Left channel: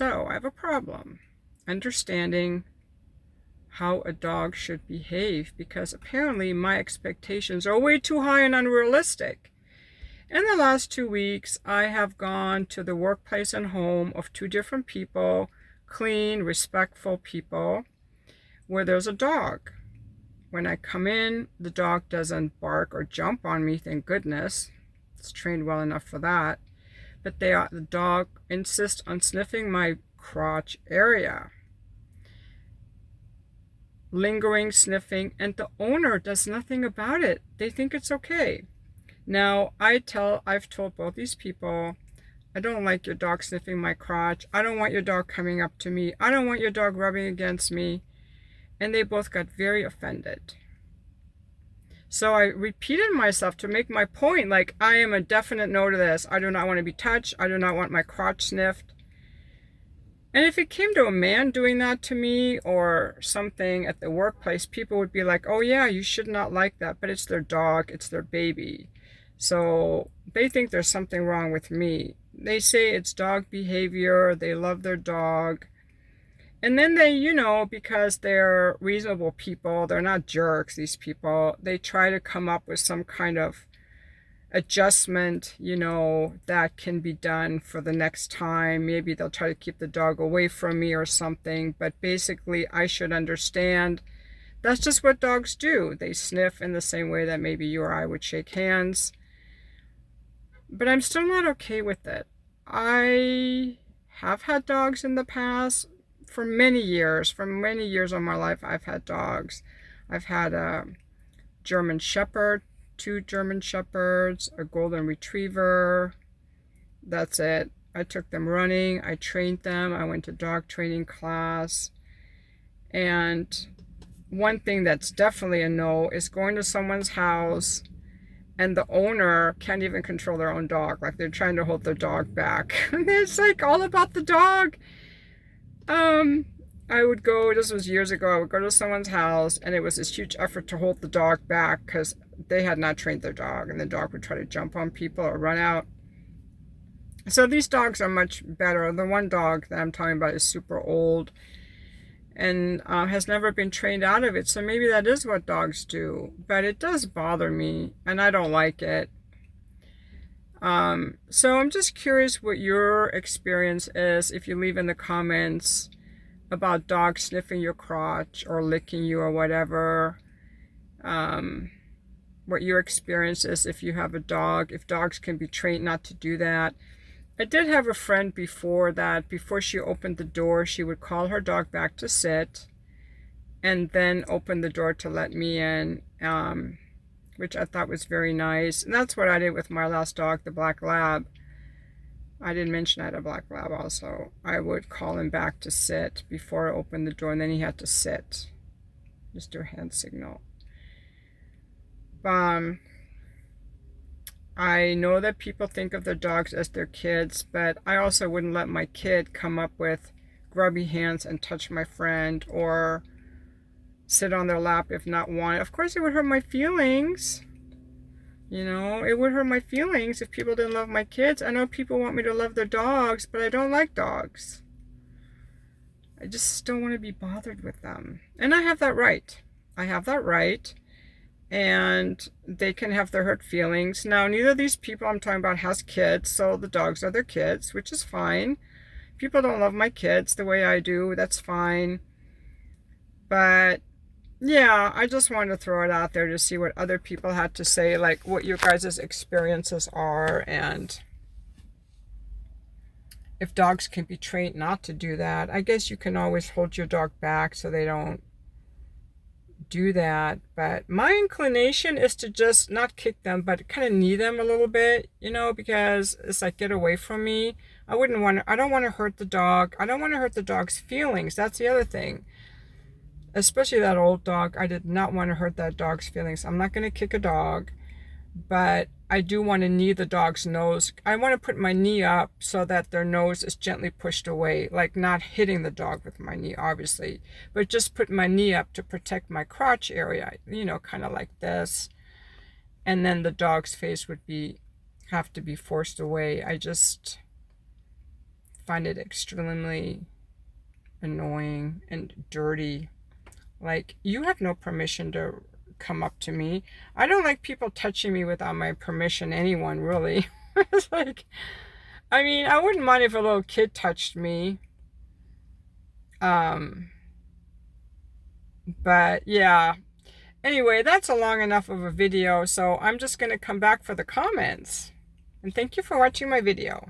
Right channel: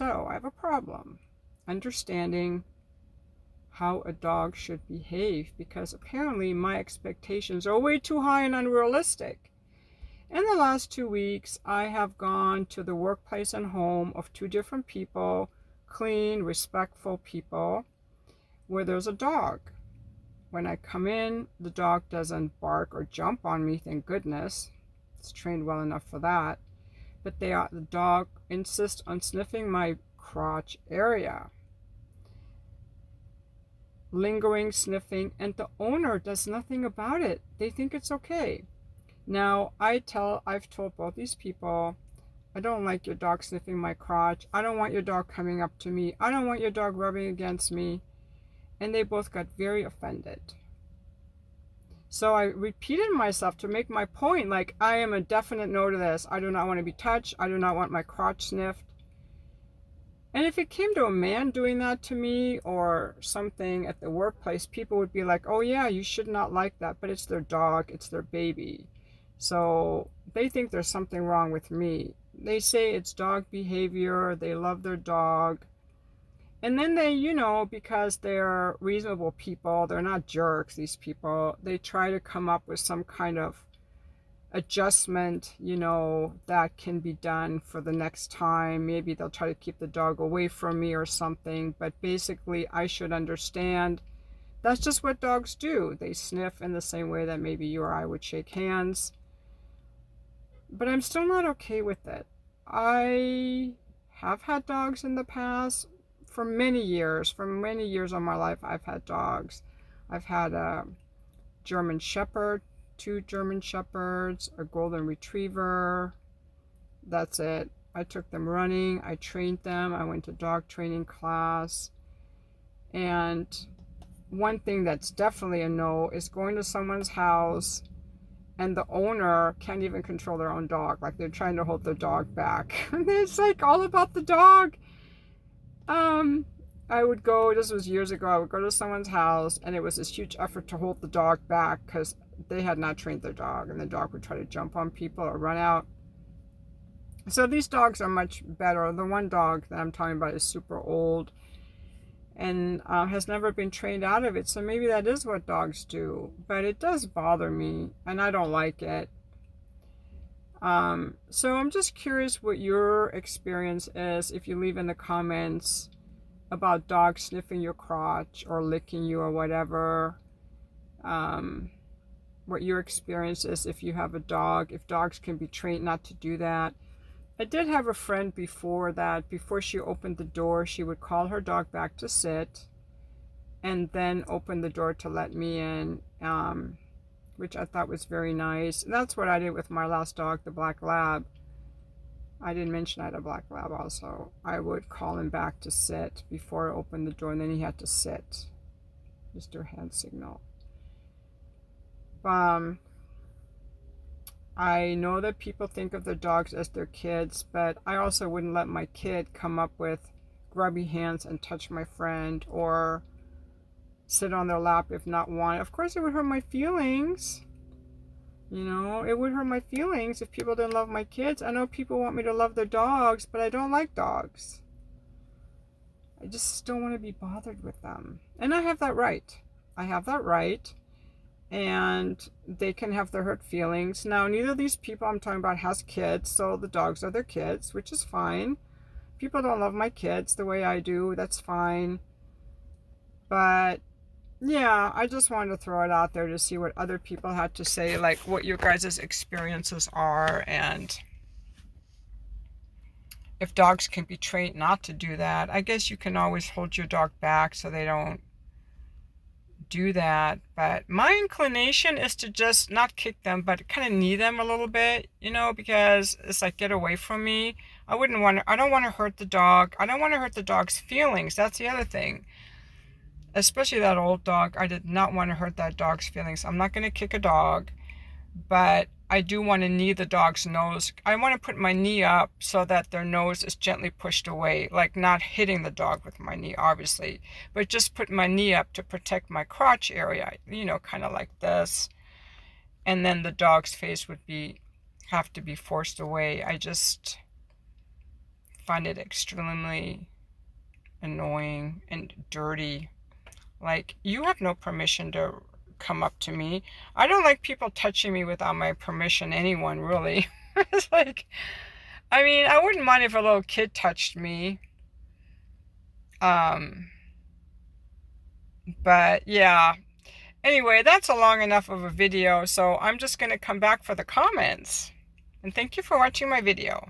So I have a problem understanding how a dog should behave because apparently my expectations are way too high and unrealistic. In the last 2 weeks, I have gone to the workplace and home of two different people, clean, respectful people, where there's a dog. When I come in, the dog doesn't bark or jump on me, thank goodness. It's trained well enough for that. But the dog insists on sniffing my crotch area. Lingering, sniffing, and the owner does nothing about it. They think it's okay. Now, I've told both these people, I don't like your dog sniffing my crotch. I don't want your dog coming up to me. I don't want your dog rubbing against me. And they both got very offended. So I repeated myself to make my point, like, I am a definite no to this. I do not want to be touched. I do not want my crotch sniffed. And if it came to a man doing that to me or something at the workplace, people would be like, oh yeah, you should not like that, but it's their dog, it's their baby. So they think there's something wrong with me. They say it's dog behavior, they love their dog. And then they, because they're reasonable people, they're not jerks, these people, they try to come up with some kind of adjustment, that can be done for the next time. Maybe they'll try to keep the dog away from me or something. But basically, I should understand that's just what dogs do. They sniff in the same way that maybe you or I would shake hands. But I'm still not okay with it. I have had dogs in the past for many years. For many years of my life, I've had dogs. I've had a German Shepherd, two German Shepherds, a Golden Retriever. That's it. I took them running. I trained them. I went to dog training class. And one thing that's definitely a no is going to someone's house and the owner can't even control their own dog. Like they're trying to hold their dog back. And it's like all about the dog. I would go, this was years ago, I would go to someone's house and it was this huge effort to hold the dog back because they had not trained their dog and the dog would try to jump on people or run out. So these dogs are much better. The one dog that I'm talking about is super old and has never been trained out of it. So maybe that is what dogs do, but it does bother me and I don't like it. So I'm just curious what your experience is if you leave in the comments about dogs sniffing your crotch or licking you or whatever. What your experience is if you have a dog, if dogs can be trained not to do that. I did have a friend before that, before she opened the door, she would call her dog back to sit and then open the door to let me in, which I thought was very nice. And that's what I did with my last dog, the Black Lab. I didn't mention I had a Black Lab also. I would call him back to sit before I opened the door, and then he had to sit. Just do a hand signal. I know that people think of their dogs as their kids, but I also wouldn't let my kid come up with grubby hands and touch my friend or sit on their lap if not wanted. Of course, it would hurt my feelings. It would hurt my feelings if people didn't love my kids. I know people want me to love their dogs, but I don't like dogs. I just don't want to be bothered with them. And I have that right. I have that right. And they can have their hurt feelings. Now, neither of these people I'm talking about has kids, so the dogs are their kids, which is fine. People don't love my kids the way I do, that's fine. But yeah, I just wanted to throw it out there to see what other people had to say, like what your guys' experiences are, and if dogs can be trained not to do that. I guess you can always hold your dog back so they don't do that, but my inclination is to just not kick them, but kind of knee them a little bit, because it's like, get away from me. I don't want to hurt the dog. I don't want to hurt the dog's feelings. That's the other thing. Especially that old dog. I did not want to hurt that dog's feelings. I'm not going to kick a dog, but I do want to knee the dog's nose. I want to put my knee up so that their nose is gently pushed away, like not hitting the dog with my knee, obviously, but just put my knee up to protect my crotch area, kind of like this. And then the dog's face would have to be forced away. I just find it extremely annoying and dirty. Like, you have no permission to come up to me. I don't like people touching me without my permission, anyone really. It's like, I mean, I wouldn't mind if a little kid touched me. But yeah. Anyway, that's a long enough of a video, so I'm just going to come back for the comments. And thank you for watching my video.